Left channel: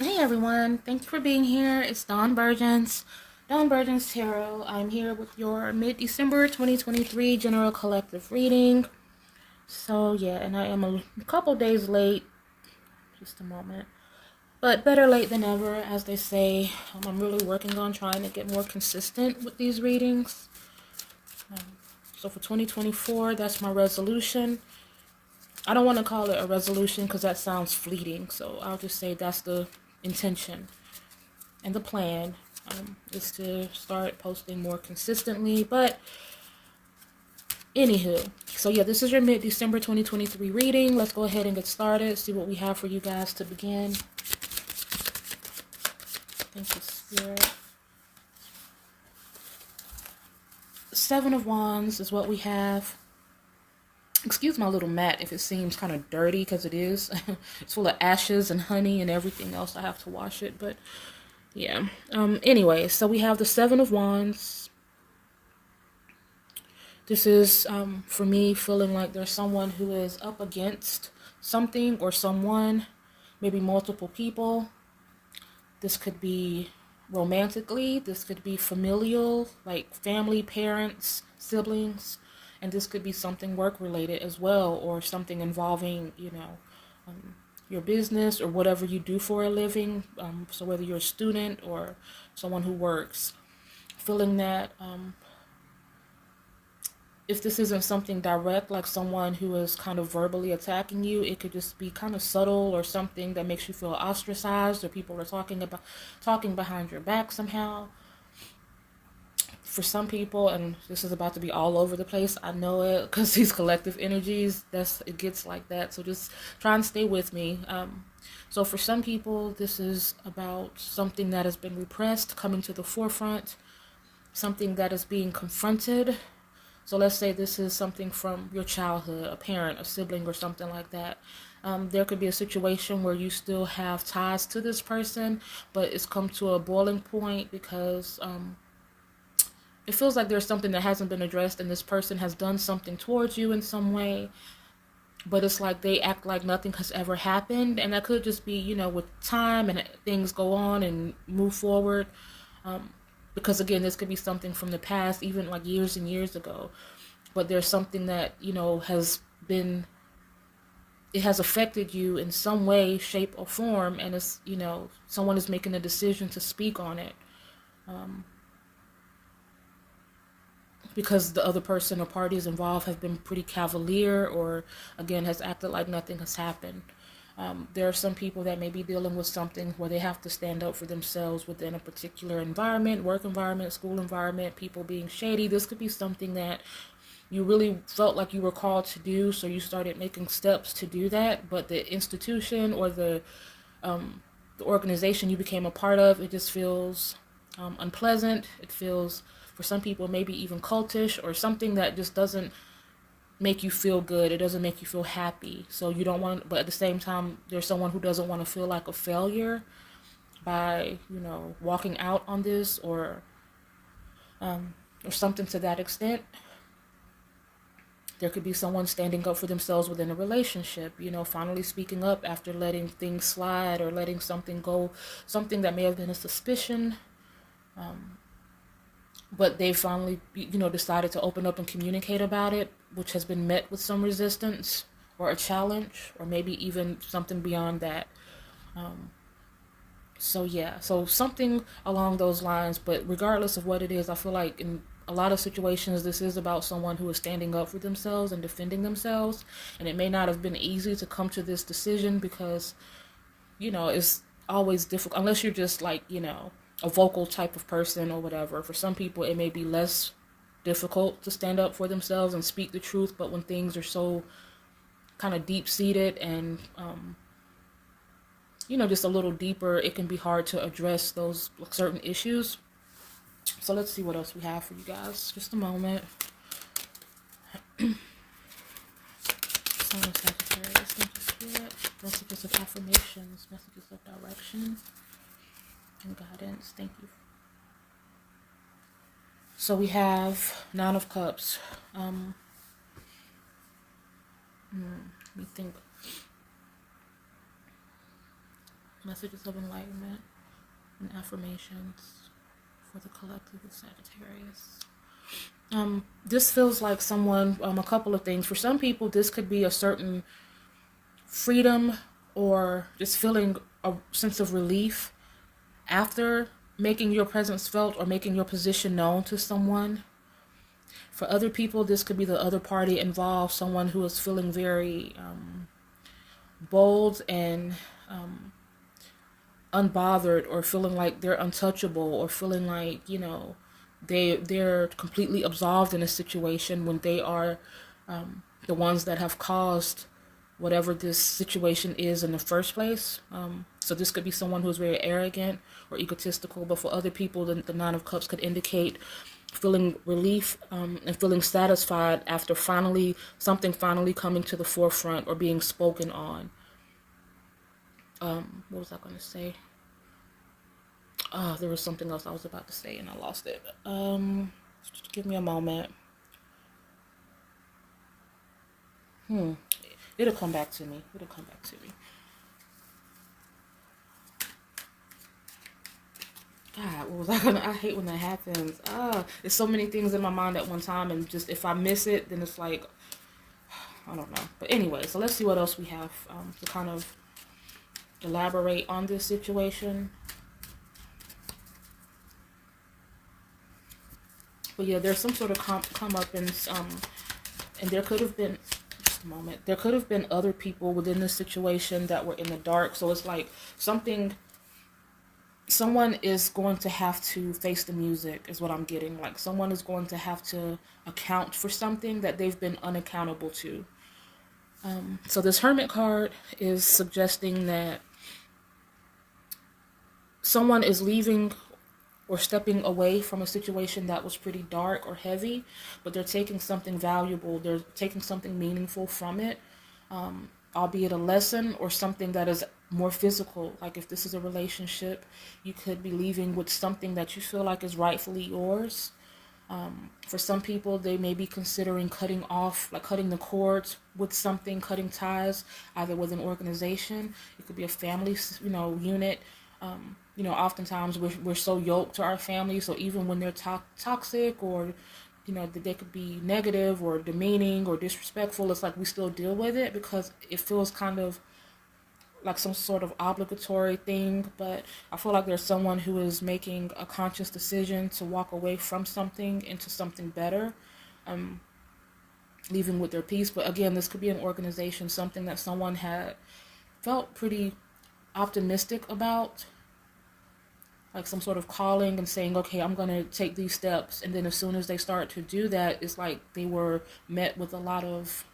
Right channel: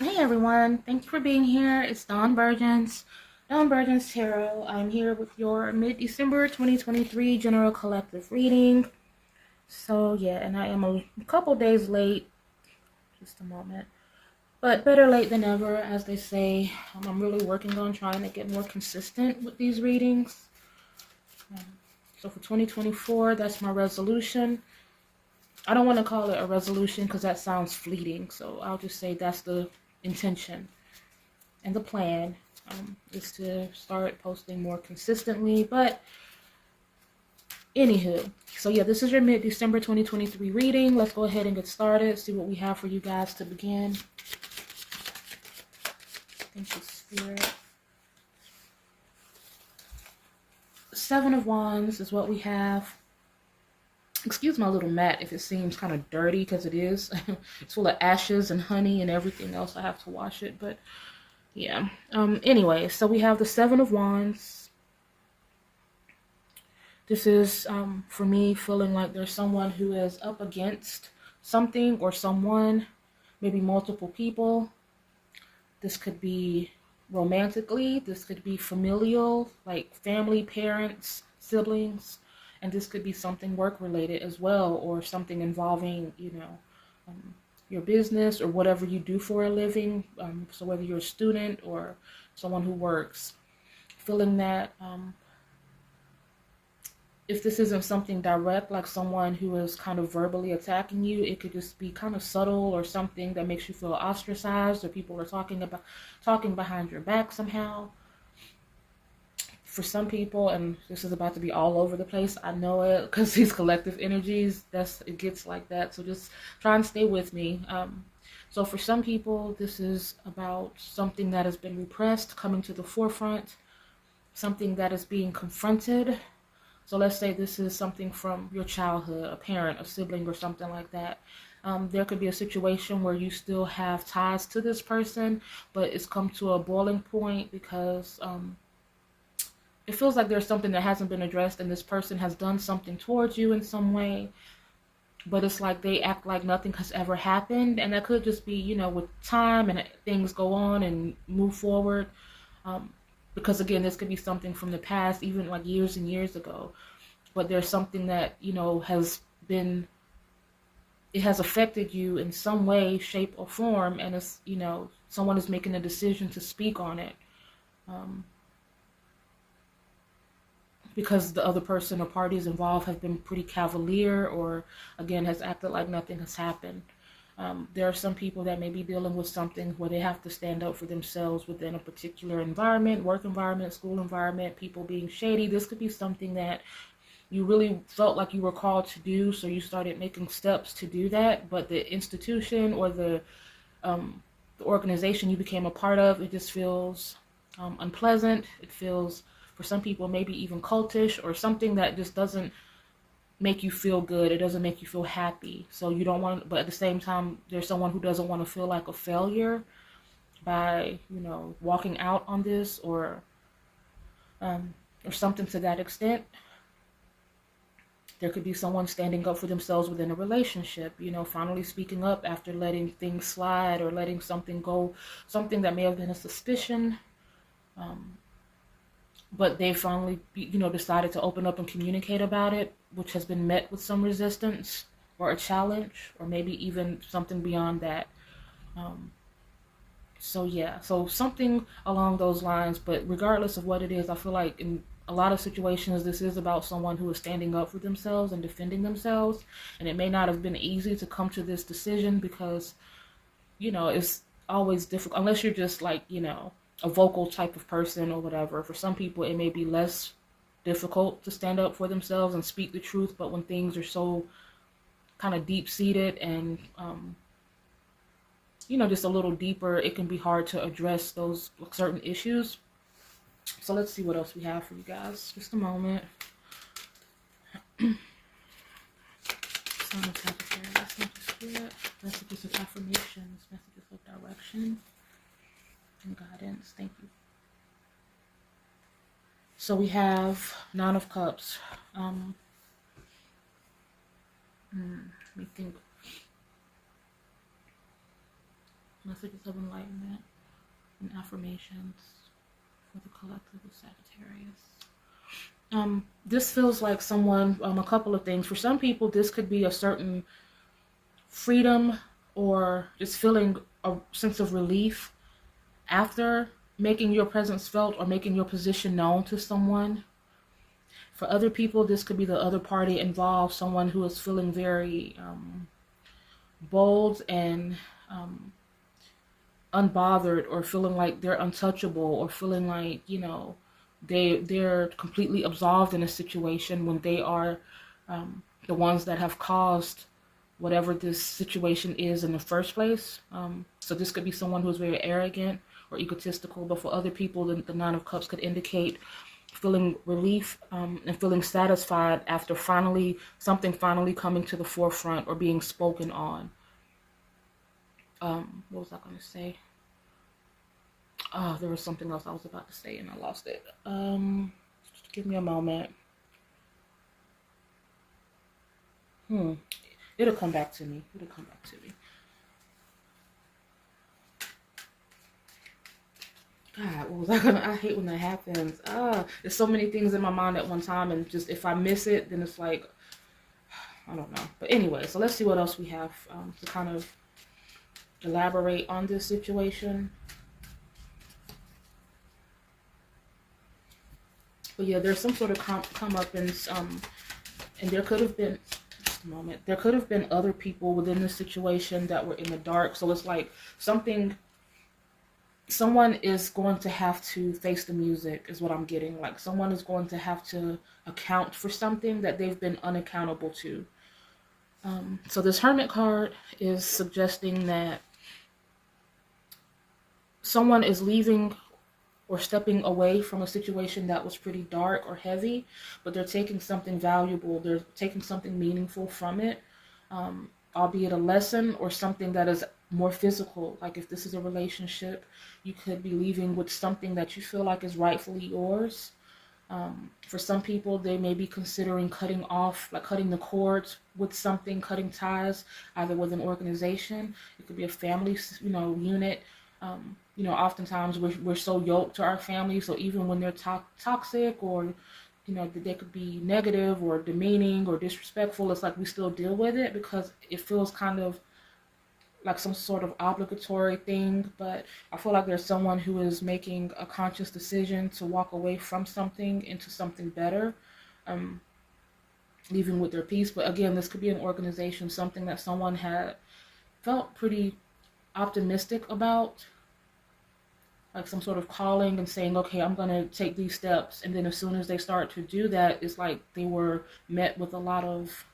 Hey everyone, thank you for being here. It's Dawn Burgess Tarot. I'm here with your mid-December 2023 general collective reading. So yeah, and I am a couple days late, just a moment. But better late than never, as they say. I'm really working on trying to get more consistent with these readings. So for 2024, that's my resolution. I don't want to call it a resolution because that sounds fleeting. So I'll just say that's the intention. And the plan is to start posting more consistently. But anywho, so yeah, this is your mid-December 2023 reading. Let's go ahead and get started. See what we have for you guys to begin. Thank you, Spirit. Seven of Wands is what we have. Excuse my little mat if it seems kind of dirty, because it is. It's full of ashes and honey and everything else. I have to wash it, but yeah. Anyway, so we have the Seven of Wands. This is, for me, feeling like there's someone who is up against something or someone, maybe multiple people. This could be romantically, this could be familial, like family, parents, siblings, and this could be something work-related as well, or something involving, your business or whatever you do for a living. So whether you're a student or someone who works, feeling that if this isn't something direct, like someone who is kind of verbally attacking you, it could just be kind of subtle or something that makes you feel ostracized, or people are talking behind your back somehow. For some people, and this is about to be all over the place, I know it, because these collective energies, it gets like that. So just try and stay with me. So for some people, this is about something that has been repressed coming to the forefront, something that is being confronted. So let's say this is something from your childhood, a parent, a sibling, or something like that. There could be a situation where you still have ties to this person, but it's come to a boiling point because it feels like there's something that hasn't been addressed, and this person has done something towards you in some way, but it's like they act like nothing has ever happened. And that could just be, with time and things go on and move forward. Because again, this could be something from the past, even like years and years ago. But there's something that, it has affected you in some way, shape, or form, and it's, someone is making a decision to speak on it. Because the other person or parties involved have been pretty cavalier, or again has acted like nothing has happened. There are some people that may be dealing with something where they have to stand up for themselves within a particular environment, work environment, school environment, people being shady. This could be something that you really felt like you were called to do, so you started making steps to do that, but the institution or the organization you became a part of, it just feels unpleasant. It feels, for some people, maybe even cultish, or something that just doesn't make you feel good. It doesn't make you feel happy. So you don't want, but at the same time, there's someone who doesn't want to feel like a failure by, walking out on this, or something to that extent. There could be someone standing up for themselves within a relationship, finally speaking up after letting things slide or letting something go, something that may have been a suspicion. But they finally, decided to open up and communicate about it, which has been met with some resistance or a challenge, or maybe even something beyond that. So yeah, so something along those lines. But regardless of what it is, I feel like in a lot of situations, this is about someone who is standing up for themselves and defending themselves. And it may not have been easy to come to this decision because, it's always difficult unless you're just like, a vocal type of person or whatever. For some people, it may be less difficult to stand up for themselves and speak the truth. But when things are so kind of deep seated and, just a little deeper, it can be hard to address those certain issues. So let's see what else we have for you guys. Just a moment. Sun of Sagittarius, thank you, Spirit. Messages of affirmations, messages of direction and guidance. Thank you. So we have Nine of Cups. Let me think. Messages of enlightenment and affirmations for the collective of Sagittarius. This feels like someone, a couple of things. For some people, this could be a certain freedom or just feeling a sense of relief after making your presence felt or making your position known to someone. For other people, this could be the other party involved, someone who is feeling very bold and unbothered, or feeling like they're untouchable, or feeling like, they're completely absolved in a situation when they are the ones that have caused whatever this situation is in the first place. So this could be someone who's very arrogant or egotistical, but for other people, the Nine of Cups could indicate feeling relief and feeling satisfied after something finally coming to the forefront or being spoken on. What was I going to say? There was something else I was about to say and I lost it. Just give me a moment. It'll come back to me. God, what was I gonna? I hate when that happens. There's so many things in my mind at one time, and just if I miss it, then it's like, I don't know. But anyway, so let's see what else we have to kind of elaborate on this situation. But yeah, there's some sort of comeuppance, and there could have been, just a moment, there could have been other people within this situation that were in the dark. So it's like someone is going to have to face the music, is what I'm getting. Like someone is going to have to account for something that they've been unaccountable to. So this Hermit card is suggesting that someone is leaving or stepping away from a situation that was pretty dark or heavy, but they're taking something valuable, they're taking something meaningful from it, albeit a lesson or something that is more physical. Like if this is a relationship, you could be leaving with something that you feel like is rightfully yours. For some people, they may be considering cutting the cords with something, cutting ties, either with an organization. It could be a family, unit. Oftentimes we're so yoked to our family, so even when they're toxic or, they could be negative or demeaning or disrespectful, it's like we still deal with it because it feels kind of like some sort of obligatory thing. But I feel like there's someone who is making a conscious decision to walk away from something into something better, leaving with their peace. But again, this could be an organization, something that someone had felt pretty optimistic about, like some sort of calling and saying, okay, I'm going to take these steps. And then as soon as they start to do that, it's like they were met with a lot of,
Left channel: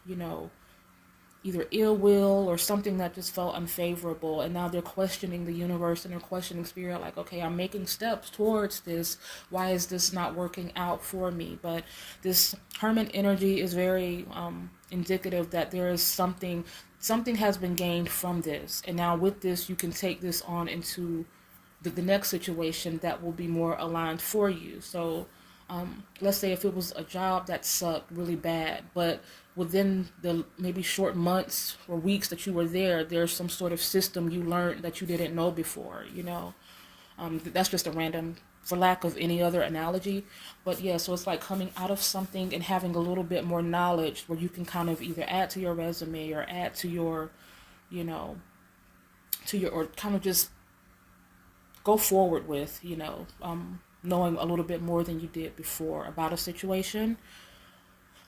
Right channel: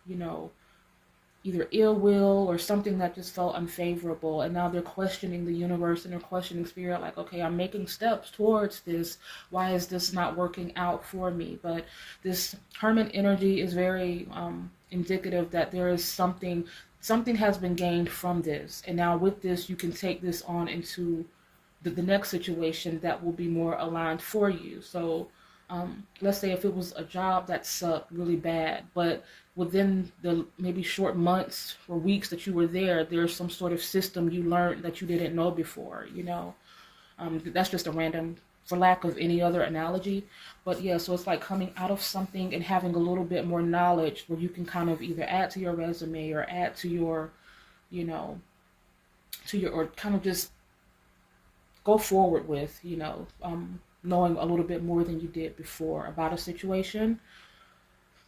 either ill will or something that just felt unfavorable. And now they're questioning the universe and they're questioning spirit, like, okay, I'm making steps towards this. Why is this not working out for me? But this Hermit energy is very indicative that there is something has been gained from this. And now with this, you can take this on into the next situation that will be more aligned for you. So let's say if it was a job that sucked really bad, but within the maybe short months or weeks that you were there, there's some sort of system you learned that you didn't know before, that's just a random, for lack of any other analogy. But yeah, so it's like coming out of something and having a little bit more knowledge where you can kind of either add to your resume or add to your, or kind of just go forward with, knowing a little bit more than you did before about a situation.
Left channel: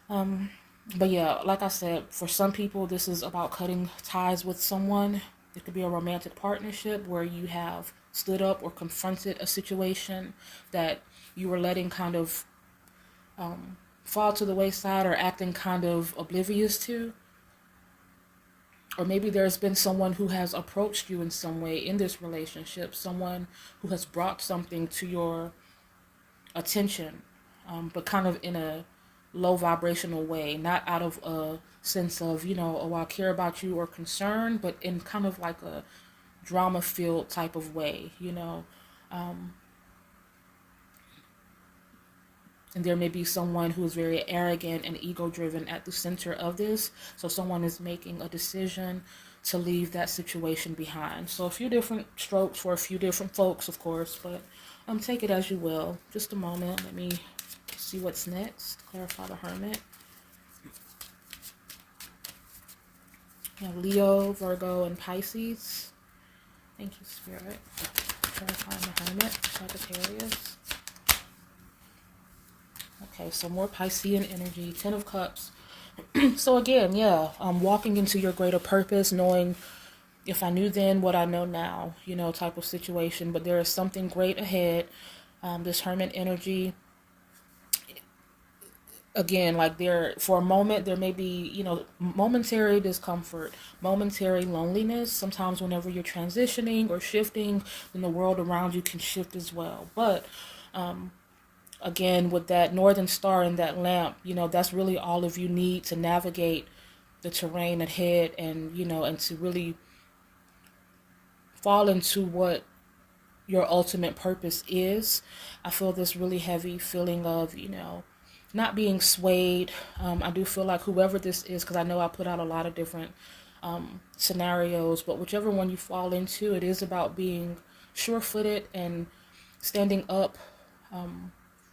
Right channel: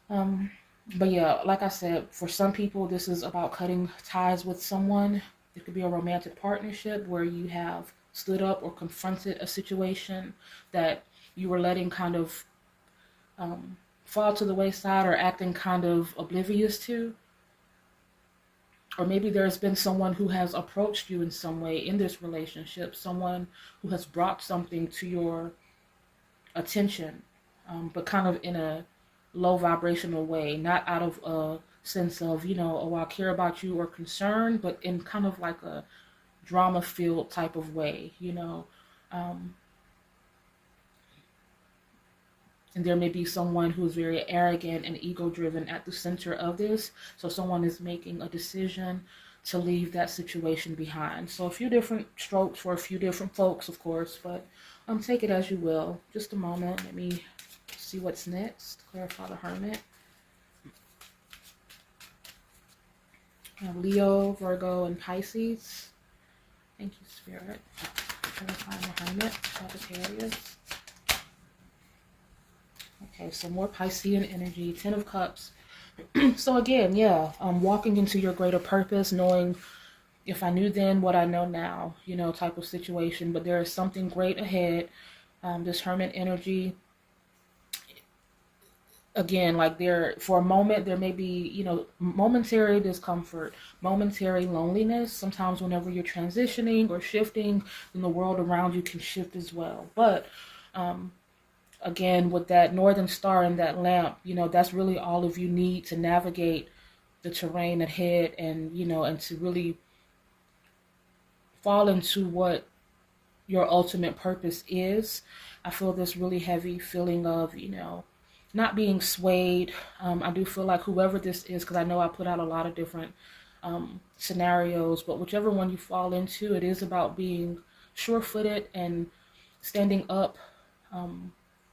But yeah, like I said, for some people, this is about cutting ties with someone. It could be a romantic partnership where you have stood up or confronted a situation that you were letting kind of fall to the wayside or acting kind of oblivious to. Or maybe there's been someone who has approached you in some way in this relationship, someone who has brought something to your attention, but kind of in a low vibrational way, not out of a sense of, oh, I care about you or concern, but in kind of like a drama-filled type of way, and there may be someone who is very arrogant and ego-driven at the center of this. So someone is making a decision to leave that situation behind. So a few different strokes for a few different folks, of course, but take it as you will. Just a moment. Let me see what's next. Clarify the Hermit. Leo, Virgo, and Pisces. Thank you, Spirit. Clarify the Hermit, Sagittarius. Okay, so more Piscean energy. Ten of Cups. So again, yeah, walking into your greater purpose, knowing if I knew then what I know now, type of situation. But there is something great ahead. This Hermit energy, again, like for a moment, there may be, momentary discomfort, momentary loneliness. Sometimes whenever you're transitioning or shifting, then the world around you can shift as well. But again, with that northern star and that lamp, that's really all of you need to navigate the terrain ahead, and and to really fall into what your ultimate purpose is. I feel this really heavy feeling of, not being swayed. I do feel like whoever this is, because I know I put out a lot of different scenarios, but whichever one you fall into, it is about being sure-footed and standing up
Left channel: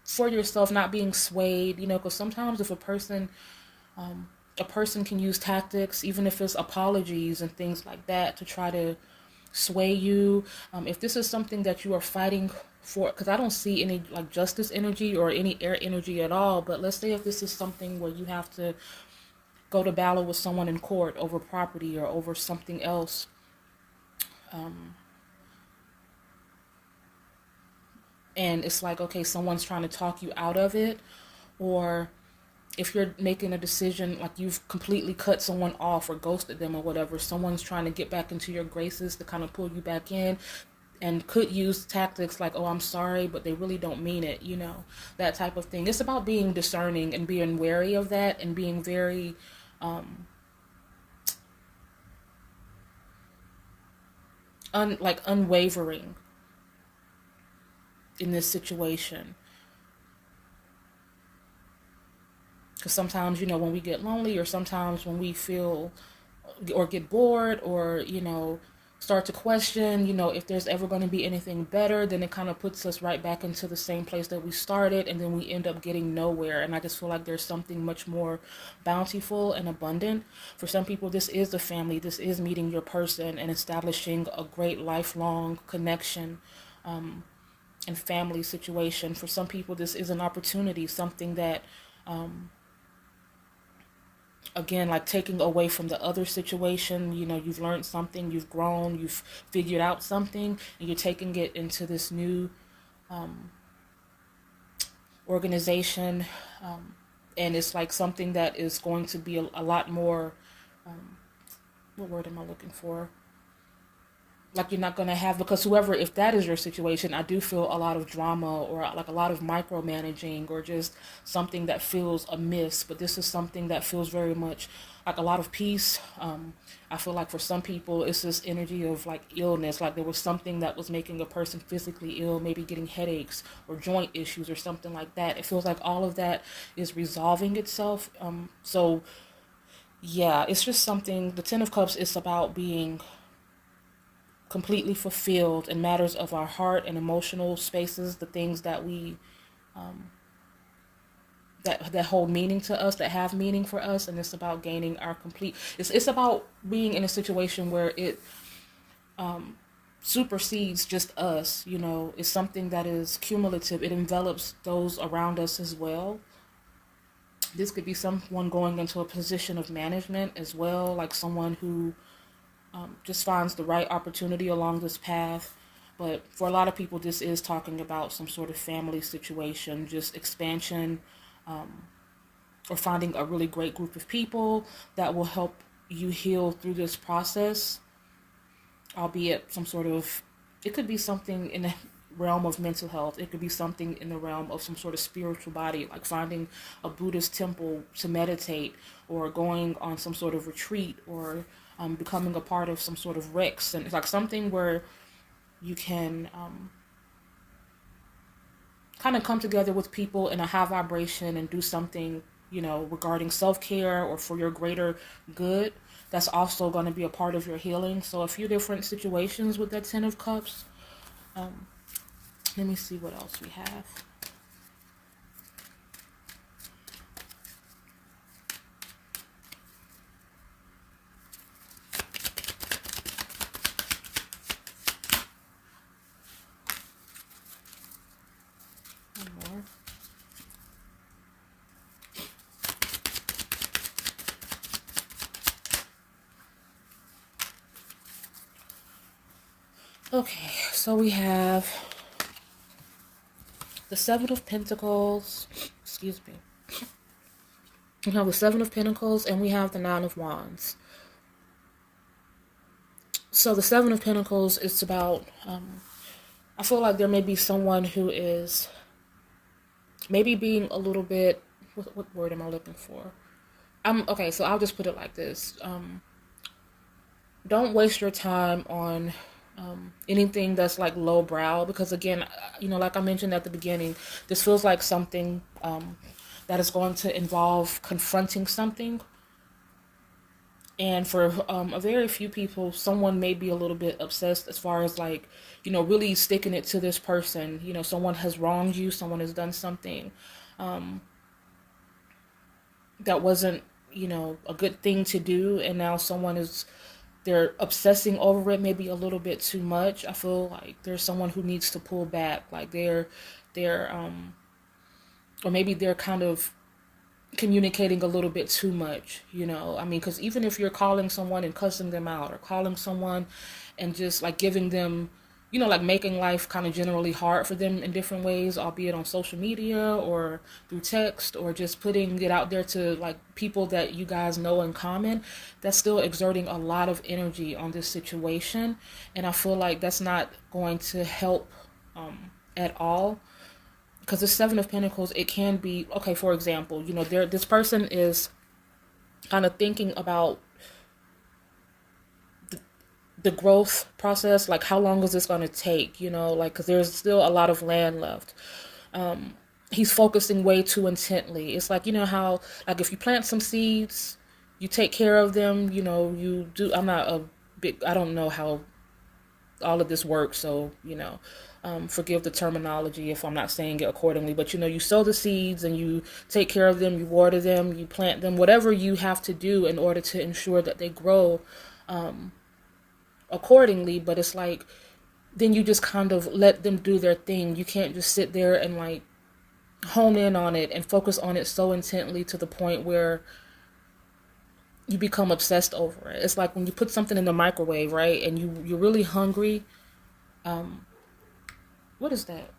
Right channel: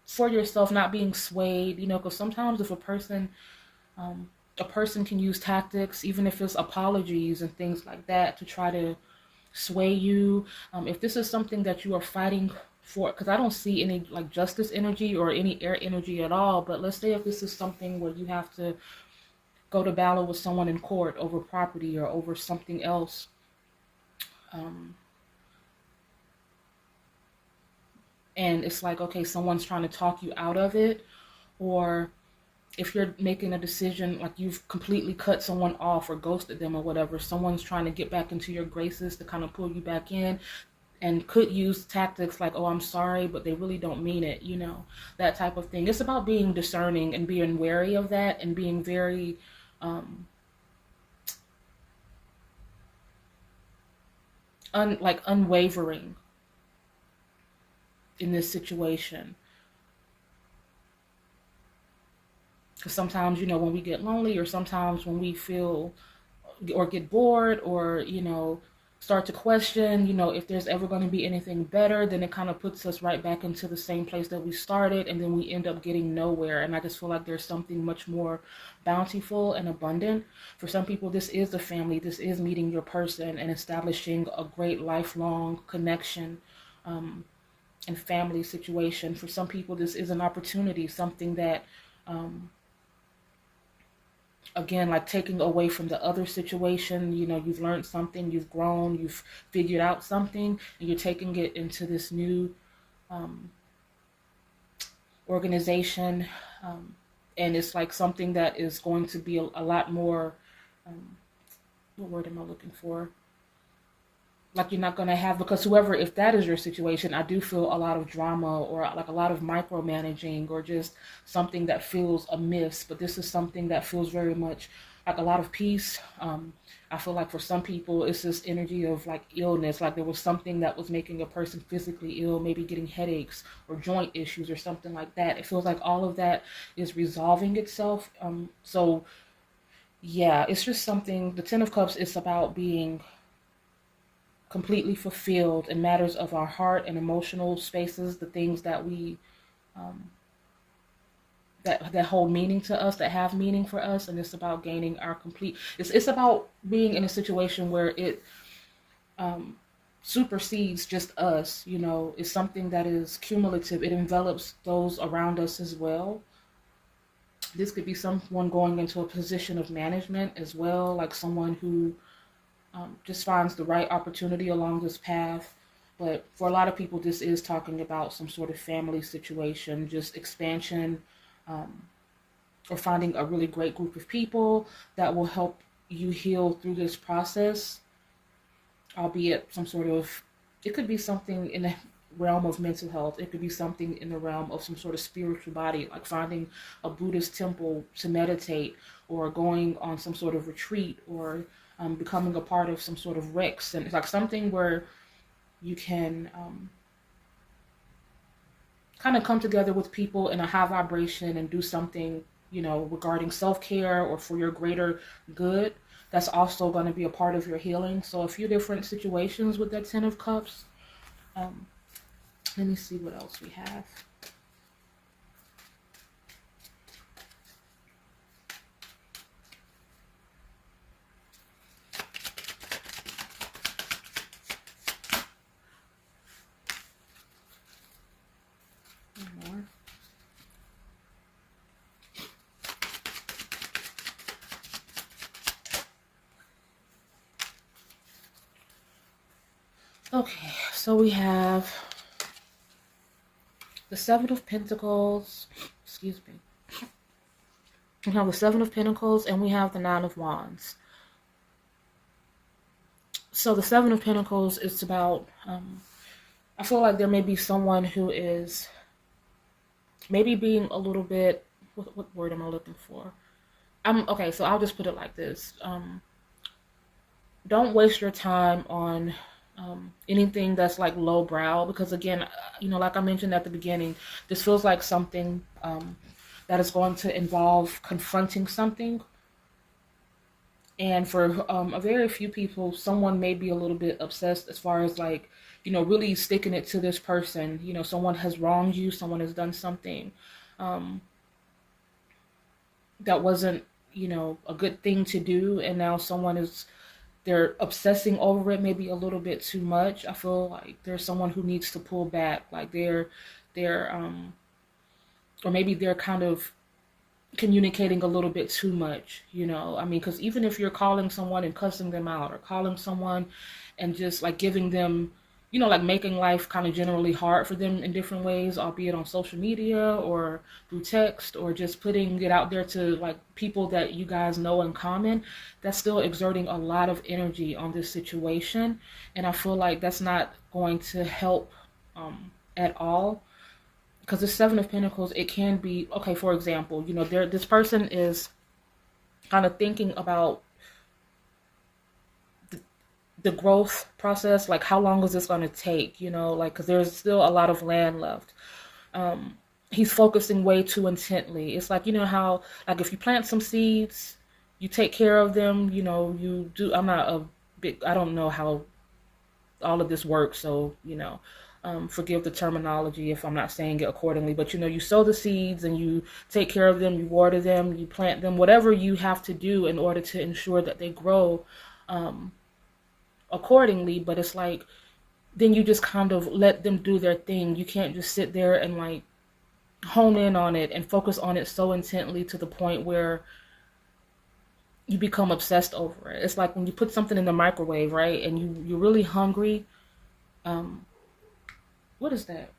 for yourself, not being swayed, because sometimes if a person can use tactics, even if it's apologies and things like that, to try to sway you. If this is something that you are fighting for, because I don't see any like justice energy or any air energy at all, but let's say if this is something where you have to go to battle with someone in court over property or over something else, and it's like, okay, someone's trying to talk you out of it, or if you're making a decision, like you've completely cut someone off or ghosted them or whatever, someone's trying to get back into your graces to kind of pull you back in, and could use tactics like, oh, I'm sorry, but they really don't mean it, that type of thing. It's about being discerning and being wary of that, and being very unwavering in this situation. Because sometimes, when we get lonely, or sometimes when we feel or get bored, or, start to question, if there's ever going to be anything better, then it kind of puts us right back into the same place that we started, and then we end up getting nowhere. And I just feel like there's something much more bountiful and abundant. For some people, this is the family. This is meeting your person and establishing a great lifelong connection and family situation. For some people, this is an opportunity, something that again, like taking away from the other situation, you've learned something, you've grown, you've figured out something, and you're taking it into this new organization, and it's like something that is going to be a lot more, what word am I looking for? Like you're not going to have, because whoever, if that is your situation, I do feel a lot of drama, or like a lot of micromanaging, or just something that feels amiss. But this is something that feels very much like a lot of peace. I feel like for some people, it's this energy of like illness, like there was something that was making a person physically ill, maybe getting headaches or joint issues or something like that. It feels like all of that is resolving itself. So yeah, it's just something, the Ten of Cups is about being completely fulfilled in matters of our heart and emotional spaces, the things that we that hold meaning to us, that have meaning for us. And it's about gaining our complete, it's about being in a situation where it supersedes just us. It's something that is cumulative. It envelops those around us as well. This could be someone going into a position of management as well, like someone who just finds the right opportunity along this path. But for a lot of people, this is talking about some sort of family situation, just expansion, or finding a really great group of people that will help you heal through this process, albeit some sort of, it could be something in the realm of mental health. It could be something in the realm of some sort of spiritual body, like finding a Buddhist temple to meditate, or going on some sort of retreat, or becoming a part of some sort of Rex, and it's like something where you can kind of come together with people in a high vibration and do something, regarding self-care or for your greater good. that's also going to be a part of your healing. So a few different situations with that Ten of Cups. Let me see what else we have. One more. Okay, so we have the Seven of Pentacles. Excuse me. We have the Seven of Pentacles and we have the Nine of Wands. So the Seven of Pentacles is about, I feel like there may be someone who is maybe being a little bit, what word am I looking for? Okay, so I'll just put it like this. Don't waste your time on anything that's like lowbrow, because again, like I mentioned at the beginning, this feels like something that is going to involve confronting something. And for a very few people, someone may be a little bit obsessed as far as like, really sticking it to this person. Someone has wronged you, someone has done something that wasn't, a good thing to do, and now they're obsessing over it maybe a little bit too much. I feel like there's someone who needs to pull back, like they're or maybe they're kind of communicating a little bit too much, because even if you're calling someone and cussing them out, or calling someone and just like giving them, like making life kind of generally hard for them in different ways, albeit on social media or through text, or just putting it out there to like people that you guys know in common, that's still exerting a lot of energy on this situation. And I feel like that's not going to help at all. Because the Seven of Pentacles, it can be, okay, for example, this person is kind of thinking about the growth process, like how long is this going to take, because there's still a lot of land left. He's focusing way too intently. It's like, how, like if you plant some seeds, you take care of them, you do, I don't know how all of this works, so, forgive the terminology if I'm not saying it accordingly, but you sow the seeds and you take care of them, you water them, you plant them, whatever you have to do in order to ensure that they grow accordingly. But it's like, then you just kind of let them do their thing. You can't just sit there and like hone in on it and focus on it so intently to the point where you become obsessed over it. It's like when you put something in the microwave, right? And you're really hungry. What is that?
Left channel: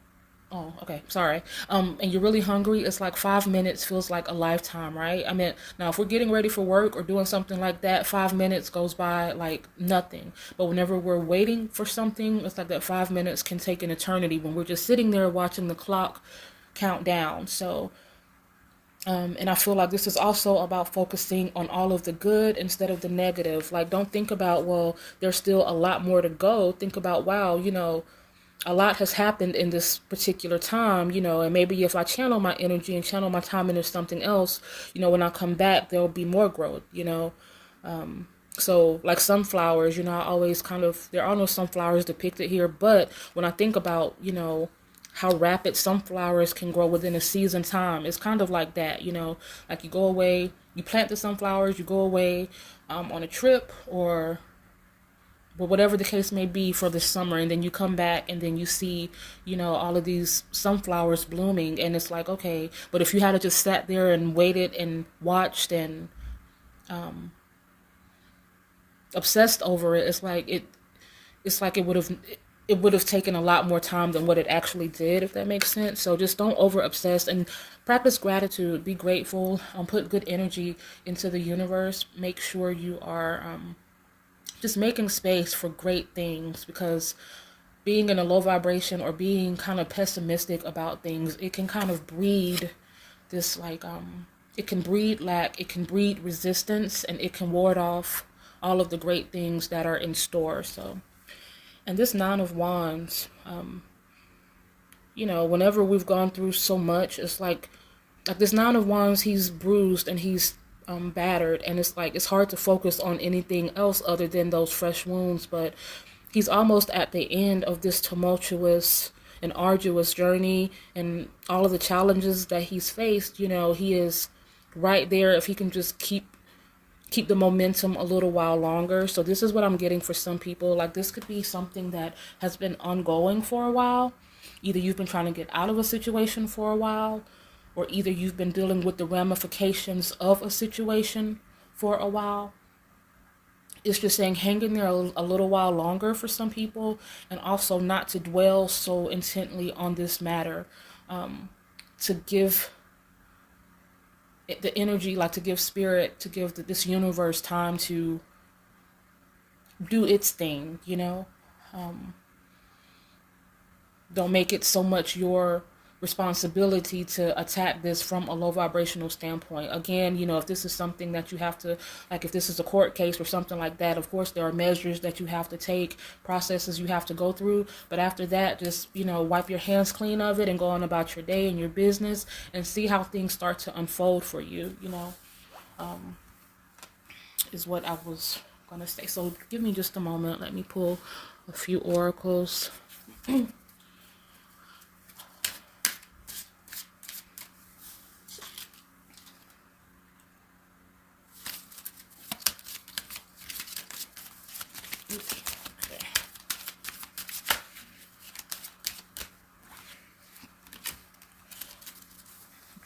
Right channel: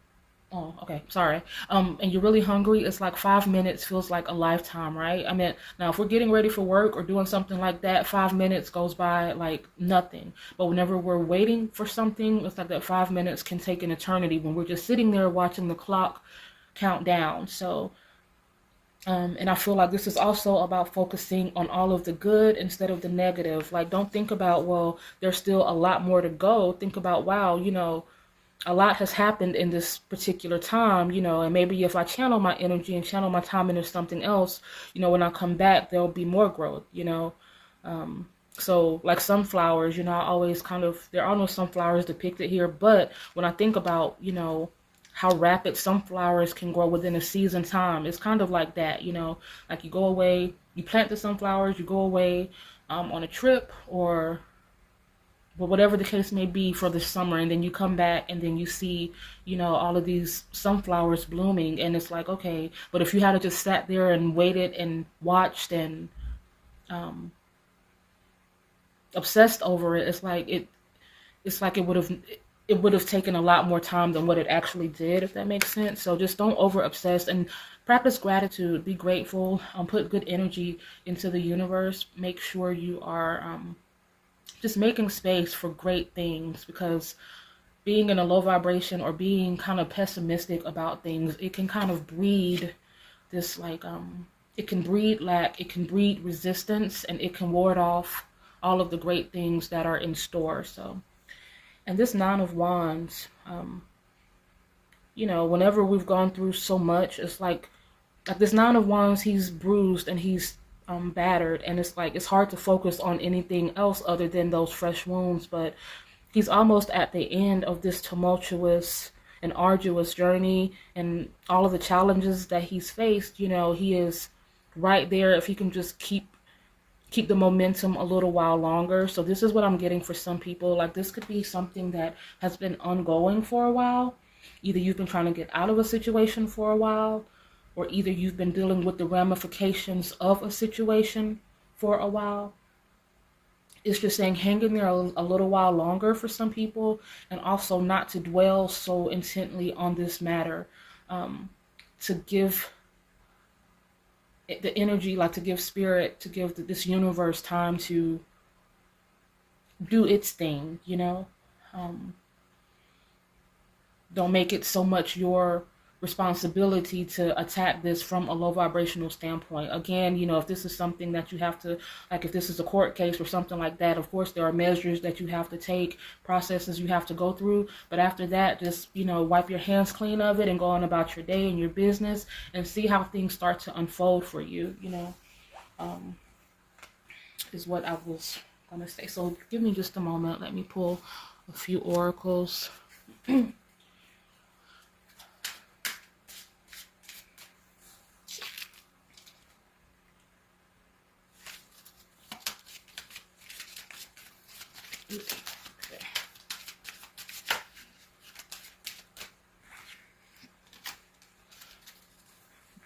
Oh, okay, sorry. And you're really hungry. It's like 5 minutes feels like a lifetime, right? I mean, now if we're getting ready for work or doing something like that, 5 minutes goes by like nothing. But whenever we're waiting for something, it's like that 5 minutes can take an eternity when we're just sitting there watching the clock count down. So, and I feel like this is also about focusing on all of the good instead of the negative. Like, don't think about, well, there's still a lot more to go. Think about, wow, a lot has happened in this particular time, and maybe if I channel my energy and channel my time into something else, when I come back, there'll be more growth, So like sunflowers, I always there are no sunflowers depicted here, but when I think about, how rapid sunflowers can grow within a season time, it's kind of like that, like you go away, you plant the sunflowers, you go away on a trip or but whatever the case may be for the summer, and then you come back and then you see, all of these sunflowers blooming, and it's like, okay, but if you had just sat there and waited and watched and obsessed over it, it's like it would have taken a lot more time than what it actually did, if that makes sense. So just don't over obsess and practice gratitude. Be grateful. Put good energy into the universe. Make sure you are just making space for great things, because being in a low vibration or being kind of pessimistic about things, it can kind of breed this like it can breed lack, it can breed resistance, and it can ward off all of the great things that are in store. So, and this Nine of Wands, whenever we've gone through so much, it's like this Nine of Wands, he's bruised and he's battered, and it's like it's hard to focus on anything else other than those fresh wounds. But he's almost at the end of this tumultuous and arduous journey, and all of the challenges that he's faced. He is right there if he can just keep the momentum a little while longer. So this is what I'm getting for some people. Like, this could be something that has been ongoing for a while. Either you've been trying to get out of a situation for a while, or either you've been dealing with the ramifications of a situation for a while. It's just saying hang in there a little while longer for some people, and also not to dwell so intently on this matter, to give the energy, like to give spirit, to give this universe time to do its thing, Don't make it so much your responsibility to attack this from a low vibrational standpoint. Again, if this is something that you have to, like if this is a court case or something like that, of course there are measures that you have to take, processes you have to go through. But after that, just, wipe your hands clean of it and go on about your day and your business and see how things start to unfold for you, is what I was going to say. So give me just a moment. Let me pull a few oracles.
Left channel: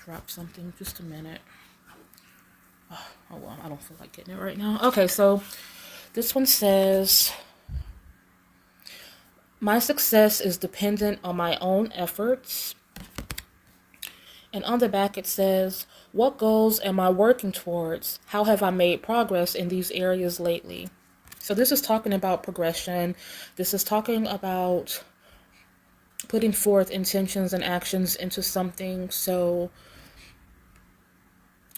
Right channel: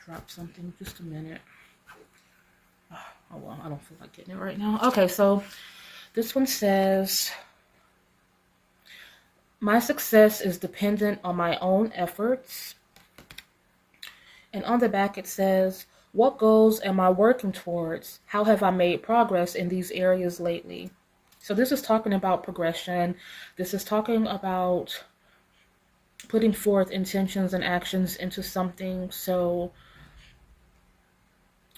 Drop something, just a minute. Oh well, I don't feel like getting it right now. Okay, so this one says, my success is dependent on my own efforts. And on the back it says, what goals am I working towards? How have I made progress in these areas lately? So this is talking about progression. This is talking about putting forth intentions and actions into something. So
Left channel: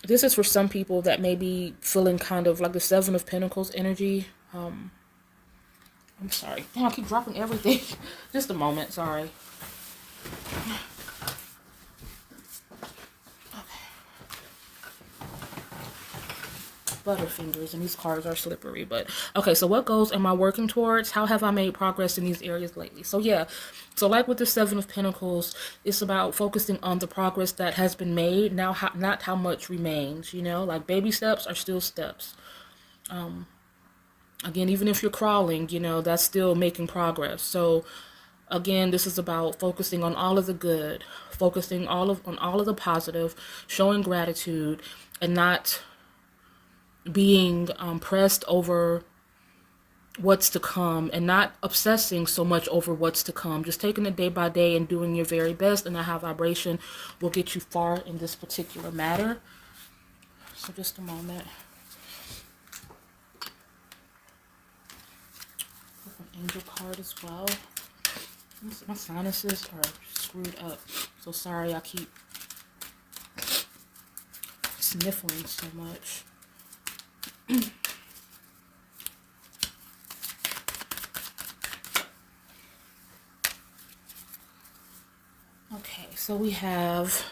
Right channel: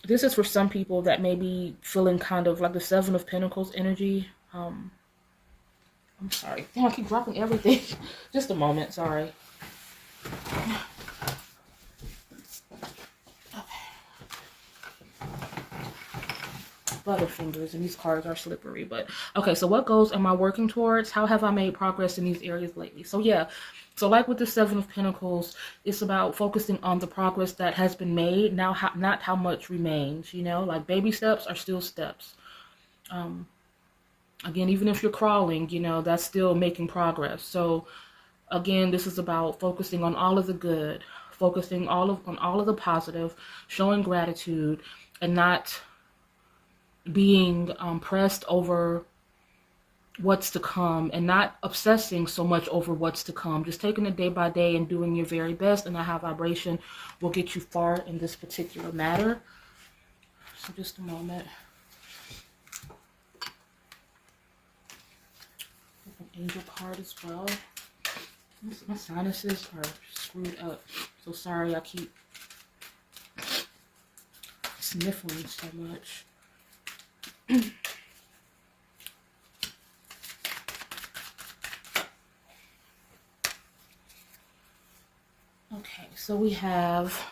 this is for some people that may be feeling kind of like the Seven of Pentacles energy. I'm sorry. Damn, I keep dropping everything. Just a moment, sorry. Butterfingers, and these cards are slippery. But okay, so what goals am I working towards? How have I made progress in these areas lately? So yeah, so like with the Seven of Pentacles, it's about focusing on the progress that has been made, now not how much remains. Like baby steps are still steps. Again, even if you're crawling, that's still making progress. So again, this is about focusing on all of the good, focusing on all of the positive, showing gratitude, and not being pressed over what's to come, and not obsessing so much over what's to come. Just taking it day by day and doing your very best, and that high vibration will get you far in this particular matter. So just a moment. An angel card as well. My sinuses are screwed up, so sorry I keep sniffling so much. Okay, so we have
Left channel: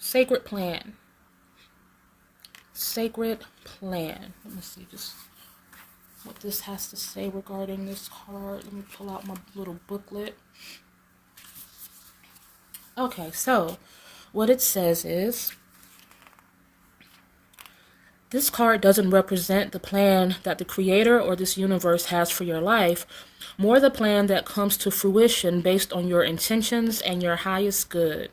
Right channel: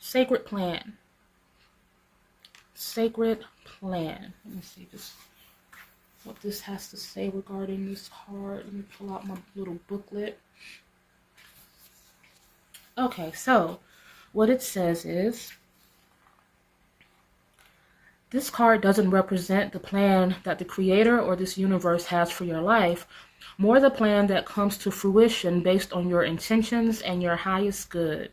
Sacred Plan. Sacred Plan. Let me see just what this has to say regarding this card. Let me pull out my little booklet. Okay, so what it says is, this card doesn't represent the plan that the Creator or this universe has for your life, more the plan that comes to fruition based on your intentions and your highest good.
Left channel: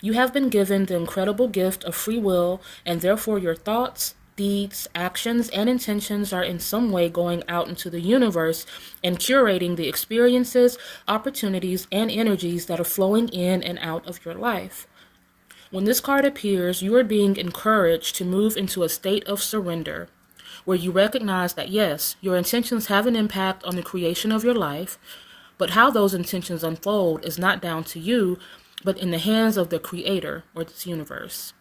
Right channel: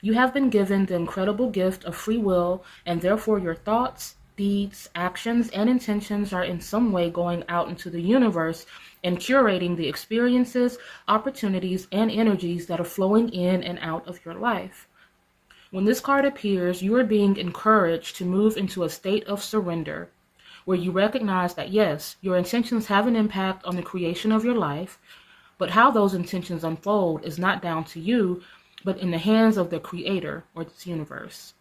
You have been given the incredible gift of free will, and therefore your thoughts, deeds, actions, and intentions are in some way going out into the universe and curating the experiences, opportunities, and energies that are flowing in and out of your life. When this card appears, you are being encouraged to move into a state of surrender, where you recognize that yes, your intentions have an impact on the creation of your life, but how those intentions unfold is not down to you, but in the hands of the Creator or this universe.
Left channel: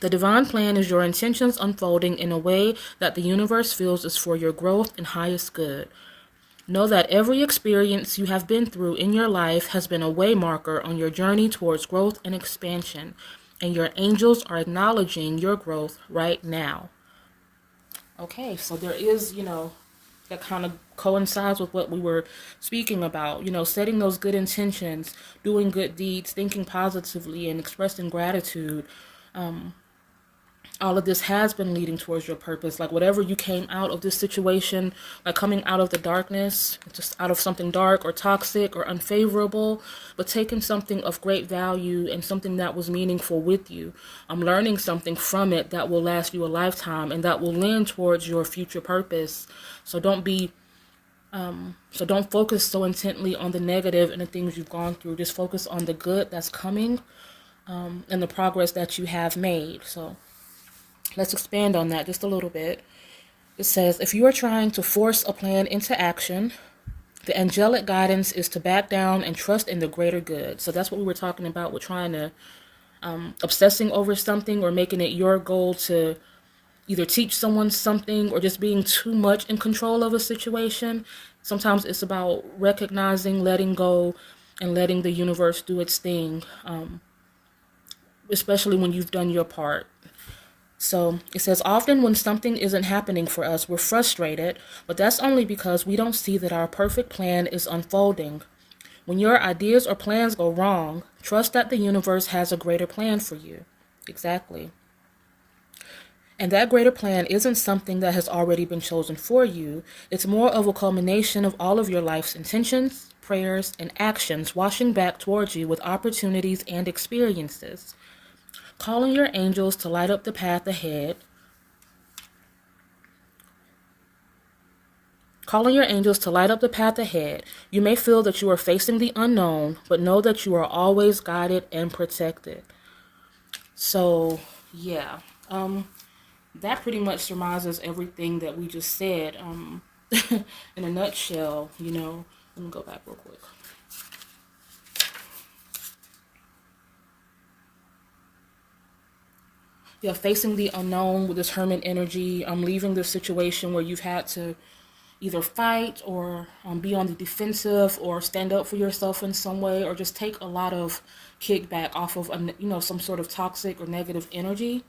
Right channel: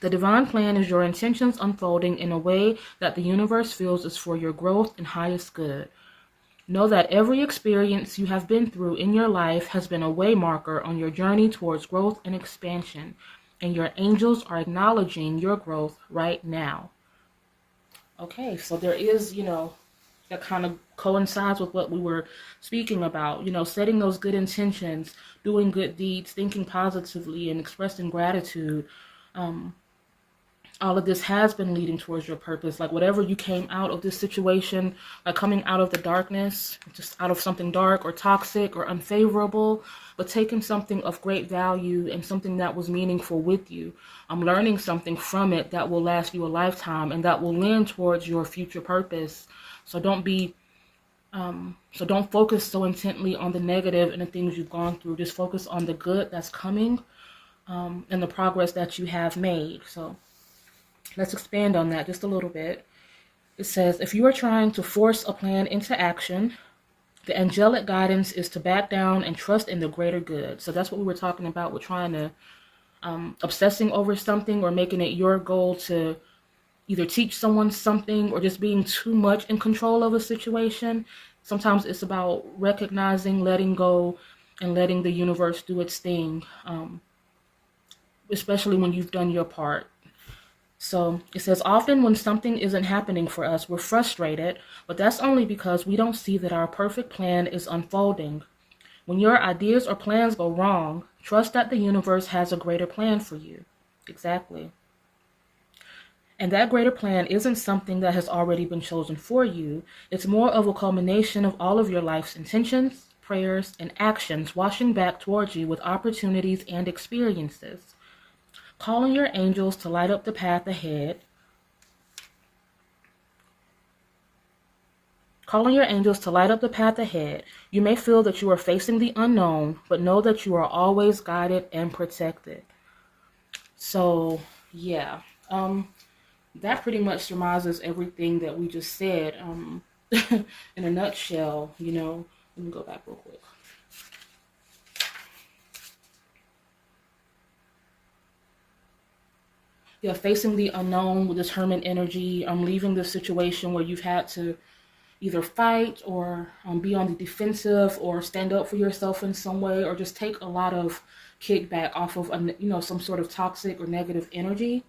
The divine plan is your intentions unfolding in a way that the universe feels is for your growth and highest good. Know that every experience you have been through in your life has been a way marker on your journey towards growth and expansion. and your angels are acknowledging your growth right now. Okay, so there is, that kind of coincides with what we were speaking about, setting those good intentions, doing good deeds, thinking positively, and expressing gratitude. All of this has been leading towards your purpose. Like whatever you came out of this situation, like coming out of the darkness, just out of something dark or toxic or unfavorable, but taking something of great value and something that was meaningful with you. I'm learning something from it that will last you a lifetime and that will lend towards your future purpose. So don't focus so intently on the negative and the things you've gone through. Just focus on the good that's coming, and the progress that you have made. So let's expand on that just a little bit. It says, if you are trying to force a plan into action, the angelic guidance is to back down and trust in the greater good. So that's what we were talking about with trying to, obsessing over something or making it your goal to either teach someone something or just being too much in control of a situation. Sometimes it's about recognizing, letting go, and letting the universe do its thing, especially when you've done your part. So it says, often when something isn't happening for us, we're frustrated, but that's only because we don't see that our perfect plan is unfolding. When your ideas or plans go wrong, trust that the universe has a greater plan for you. Exactly. And that greater plan isn't something that has already been chosen for you. It's more of a culmination of all of your life's intentions, prayers, and actions washing back towards you with opportunities and experiences. Calling your angels to light up the path ahead. Calling your angels to light up the path ahead. You may feel that you are facing the unknown, but know that you are always guided and protected. So, yeah. That pretty much surmises everything that we just said. In a nutshell, Let me go back real quick. Yeah, facing the unknown with this hermit energy, leaving the situation where you've had to either fight or be on the defensive or stand up for yourself in some way, or just take a lot of kickback off of some sort of toxic or negative energy.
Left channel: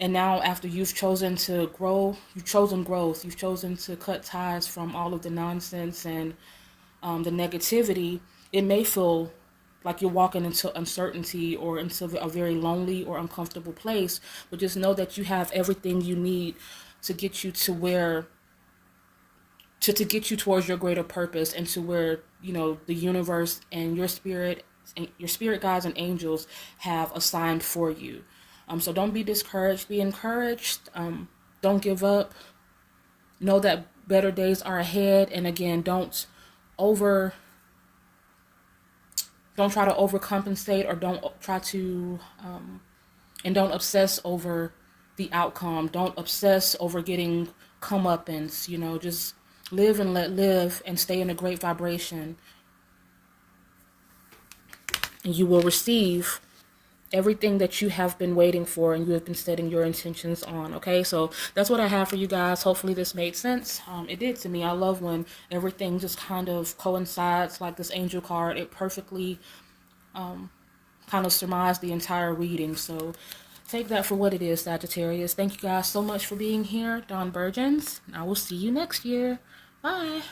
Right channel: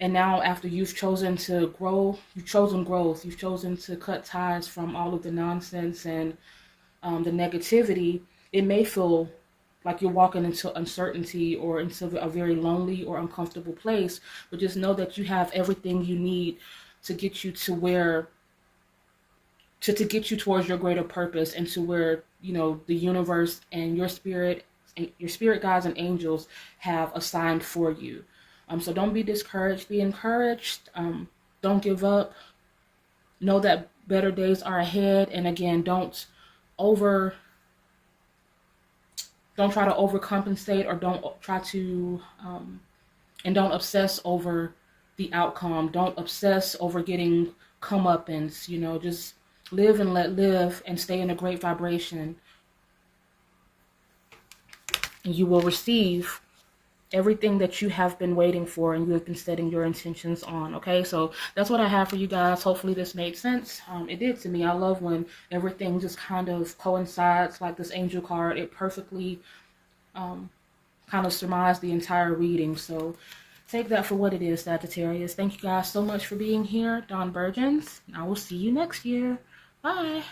And now after you've chosen to grow, you've chosen growth, you've chosen to cut ties from all of the nonsense and the negativity, it may feel like you're walking into uncertainty or into a very lonely or uncomfortable place, but just know that you have everything you need to get you to where, to get you towards your greater purpose and to where, the universe and your spirit guides and angels have assigned for you. So don't be discouraged, be encouraged. Don't give up. Know that better days are ahead. And again, don't try to overcompensate, or don't try to, and don't obsess over the outcome. Don't obsess over getting comeuppance, just live and let live and stay in a great vibration. And you will receive everything that you have been waiting for and you have been setting your intentions on. Okay, so that's what I have for you guys. Hopefully this made sense. It did to me. I love when everything just kind of coincides, like this angel card. It perfectly kind of surmised the entire reading. So take that for what it is, Sagittarius. Thank you guys so much for being here. Dawn Virgins. I will see you next year. Bye.